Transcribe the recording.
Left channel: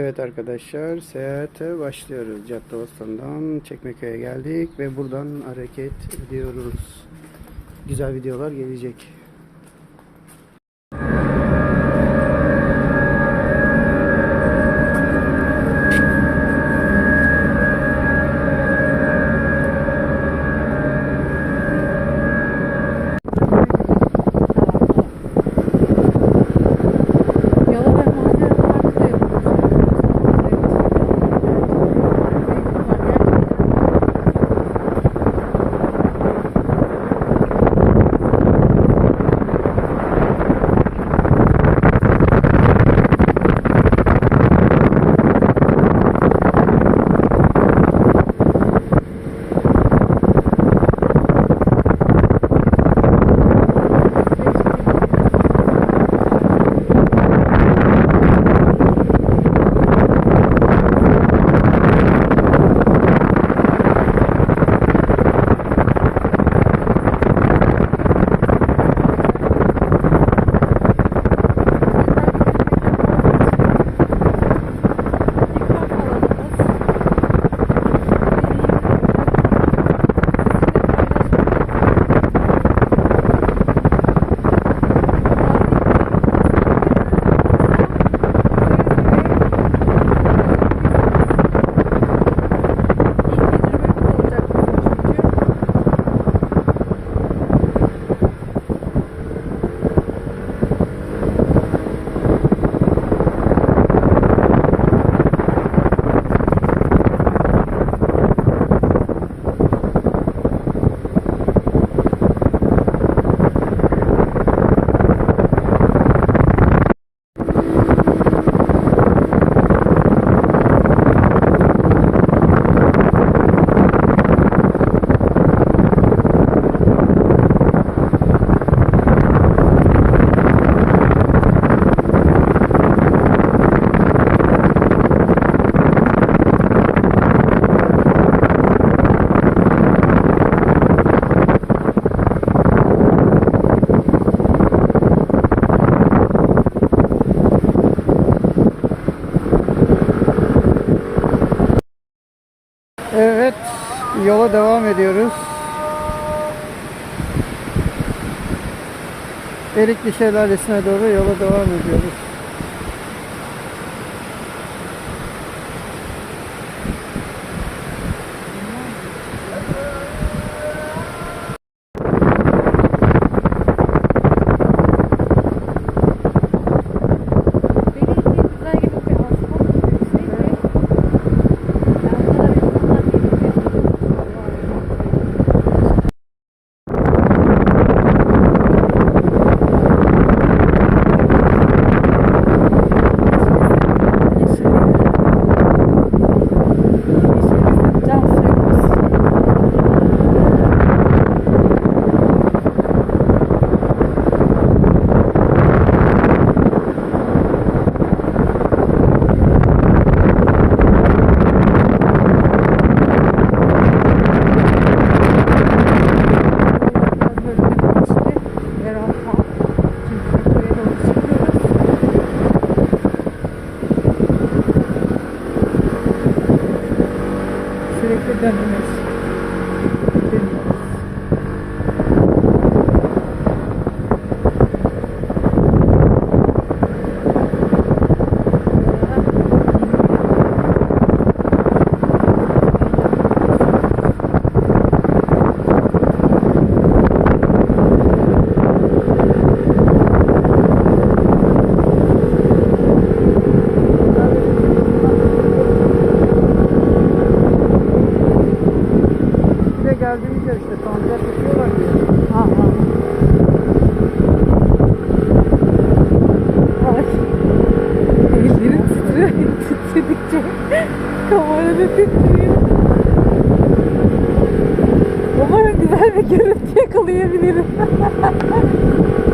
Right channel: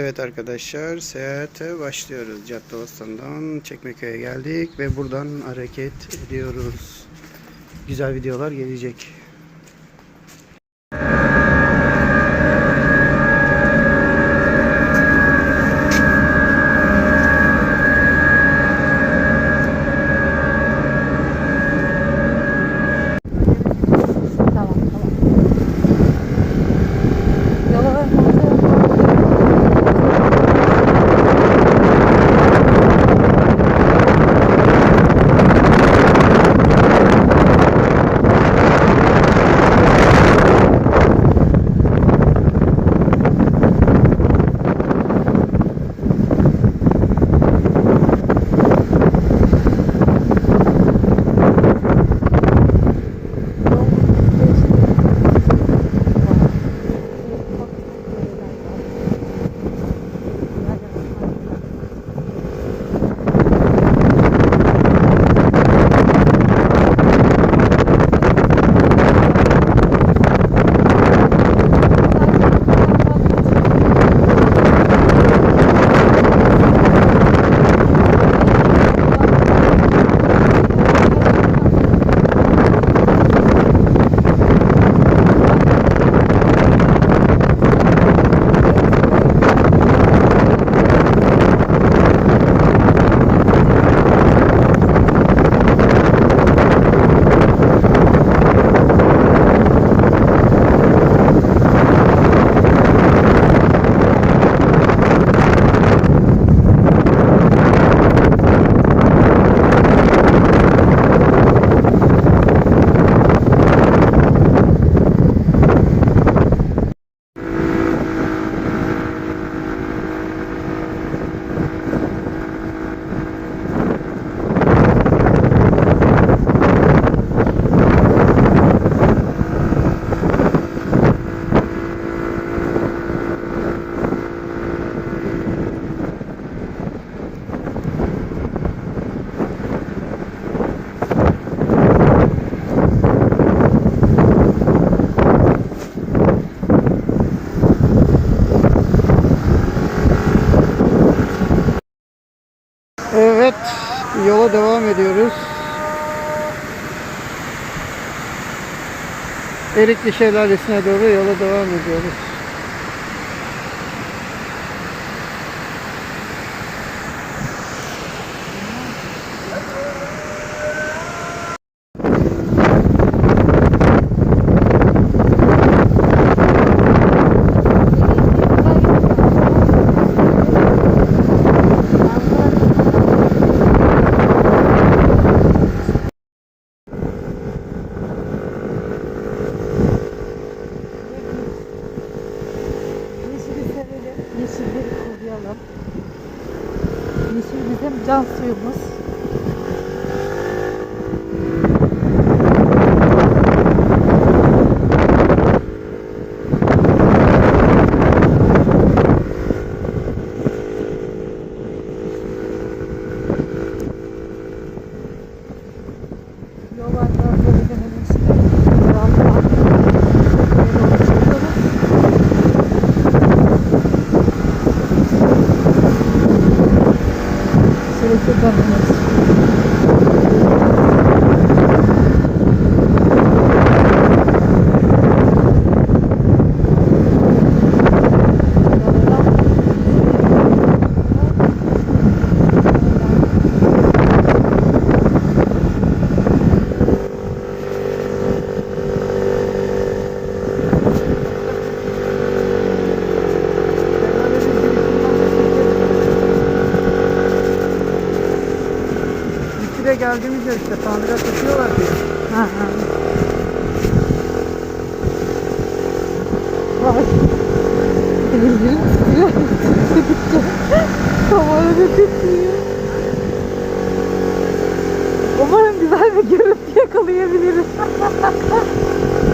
Evet arkadaşlar seyahate başlıyoruz. Caddebostan'dan Çekmeköy'e geldik ve buradan hareket ediyoruz. Güzel videolar gelecek. Ediyoruz. Erikli Şelalesi'ne doğru yola devam ediyoruz. good governance. Bir de geldiğimiz yer işte tandıra tutuyorlar diye. Ha ha. Var. Ellerim titriyor. Titredikçe. Kamerada titriyor. Umarım güzel bir görüntü yakalayabilirim.